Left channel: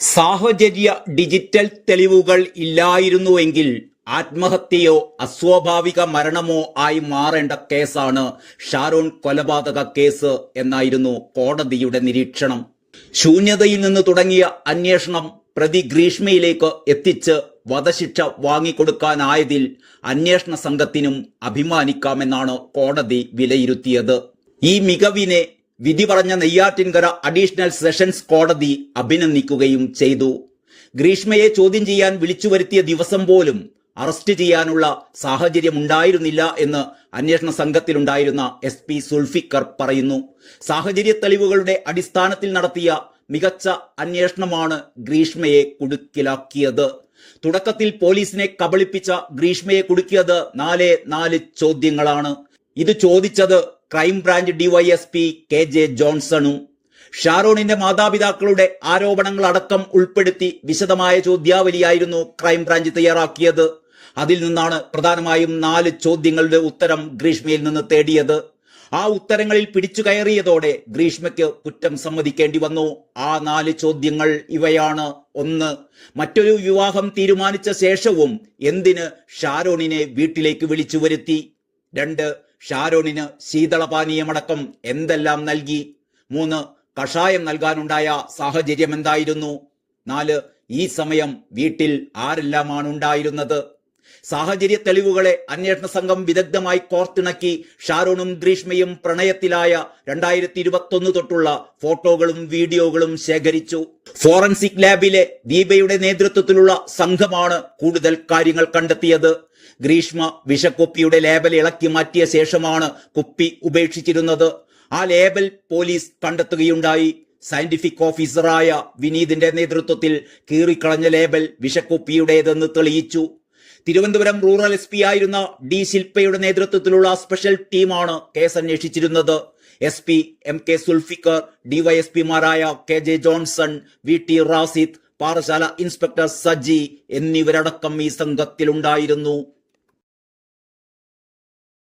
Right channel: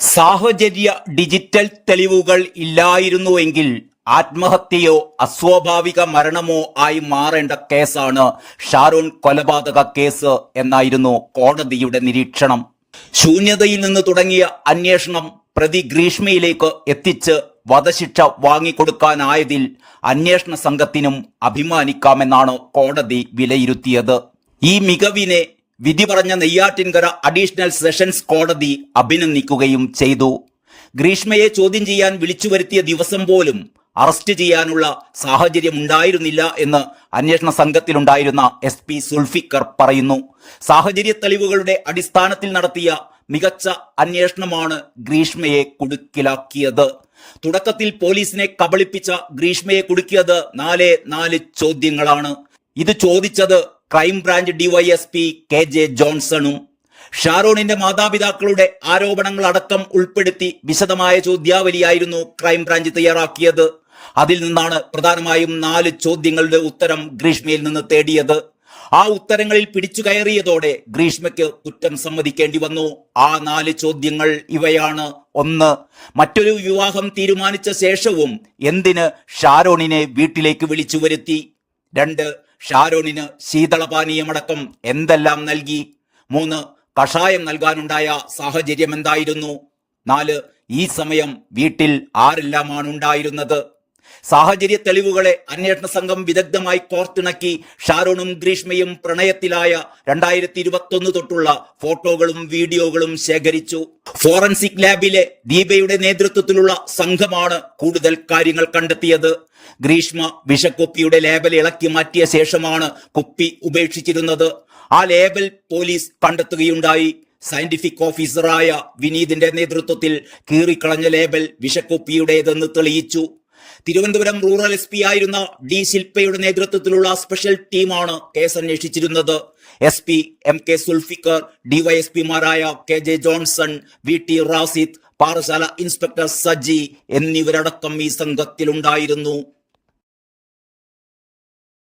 സാഹചര്യ ഡിജിറ്റൽ തെളിവുകൾ ഇല്ലായിരുന്നുവെങ്കിൽ ആത്മഹത്യയോ അസ്വാഭാവിക മരണമോ ആയി മാറേണ്ട കേസാണ് ഷാരോൺ കൊലപാതക കേസ് എന്നായിരുന്നു കോടതിയുടെ നിരീക്ഷണം. ശൂന്യതയിൽ നിന്ന് തുടങ്ങിയ അന്വേഷണം പ്രതി ഗ്രീഷ്മയിലേക്ക് എത്തിച്ച് വധശിക്ഷ വാങ്ങിക്കൊടുക്കാനായതിൽ അന്വേഷണ സംഘത്തിനും അഭിമാനിക്കാമെന്നാണ് കോടതി വിലയിരുത്തിയത്. ഈ മികവിനെ വിധി പറഞ്ഞ നെയ്യാറ്റിൻകര അഡീഷണൽ സെഷൻസ് കോടതി അഭിനന്ദിക്കുകയും ചെയ്തു. ഗ്രീഷ്മയെ ചോദ്യം ചെയ്യാൻ വിളിച്ചു വരുത്തിയ ദിവസം പോലും അറസ്റ്റ് ചെയ്യാനുള്ള സാഹചര്യമുണ്ടായിരുന്നില്ല എന്ന് അന്വേഷണ സംഘത്തിലുണ്ടായിരുന്ന SP സുൽഫിക്കർ പറയുന്നു. സാഹചര്യ തെളിവുകളുടെ അടിസ്ഥാനത്തിൽ നടത്തിയ മികച്ച അന്വേഷണമാണ് ഗ്രീഷ്മയെ കുടുക്കിലാക്കിയത്. തുടക്കത്തിൽ പോലീസിനെ കബളിപ്പിച്ച ഗ്രീഷ്മയെ കുടുക്കിയത് 4 ചോദ്യങ്ങളാണ്. ഇത് ചോദിച്ചത് ക്രൈംബ്രാഞ്ച് DYSP KJ ജോൺസണും. ഷാരോണിന്റെ മാതാപിതാക്കളുടെ ആരോപണങ്ങളടക്കം ഉൾപ്പെടുത്തി വിശദമായ ചോദ്യാവലിയായിരുന്നു ക്രൈംബ്രാഞ്ച് തയ്യാറാക്കിയത്. അതിൽ നിന്നാണ് പ്രധാനമായും 4 ചോദ്യങ്ങളുടെ ഉത്തരം ഗ്രീഷ്മയിൽ നിന്ന് തേടിയത്. ആ ഉത്തരങ്ങളിൽ പിടിച്ചു കയറിയതോടെ ഗ്രീഷ്മയ്ക്ക് കുറ്റം സമ്മതിക്കേണ്ടി വന്നു. ആ 4 ചോദ്യങ്ങൾ ഇവയാണ്. 1. മറ്റൊരു വിവാഹം തീരുമാനിച്ച ശേഷവും എന്തിന് ഷാരോണിനെ വീട്ടിലേക്ക് വിളിച്ചു വരുത്തി? 2. ഷാരോണിന് ശീതളപാനീയമടക്കം എന്തെല്ലാം നൽകി? 3. കഷായം നൽകാനുണ്ടായ സാഹചര്യം എന്തായിരുന്നു? 4. ഈ സമയം വീട്ടിൽ ആരെല്ലാമാണ് ഉണ്ടായിരുന്നത്? സാഹചര്യ തെളിവുകളെ അന്വേഷണ സംഘം വിദഗ്ധമായി കോർത്തിണക്കി ഷാരോണും ഗ്രീഷ്മയും പ്രണയത്തിലായ 2021 തൊട്ടുള്ള ഫോട്ടോകളും വീഡിയോകളും ശേഖരിച്ചു. ഫോറൻസിക് ലാബിലെ ദീപയുടെ നേതൃത്വത്തിലുള്ള സംഘമാണ് കൂടുതൽ കാര്യങ്ങൾ കണ്ടെത്തിയത്. ഗ്രീഷ്മ വിഷക്കുപ്പിയുടെ ലേബൽ ഇളക്കി മാറ്റിയ ശേഷമാണ് കുപ്പി ഉപേക്ഷിച്ചിരുന്നത്. ആ ലേബൽ പോലീസ് കണ്ടെത്തുകയുണ്ടായി. സയന്റിഫിക് ഓഫീസറായ വിനീതിന്റെ നേതൃത്വത്തിൽ കീറിക്കളഞ്ഞ ലേബൽ വിഷക്കുപ്പിയുടേതെന്ന് തെളിയിച്ചു. തിരുവനന്തപുരം റൂറൽ SP ആയിരുന്ന D ശില്പയുടെ നേതൃത്വത്തിലുള്ള സ്പെഷ്യൽ ടീമാണ് കേസ് അന്വേഷിച്ചിരുന്നത്. SP MK സുൽഫിക്കർ, DYSPമാരായ KJ Johnson, VT Rasid, Parassala inspector Saji എന്നിവരടക്കം ഈ സംഘത്തിലുണ്ടായിരുന്നു.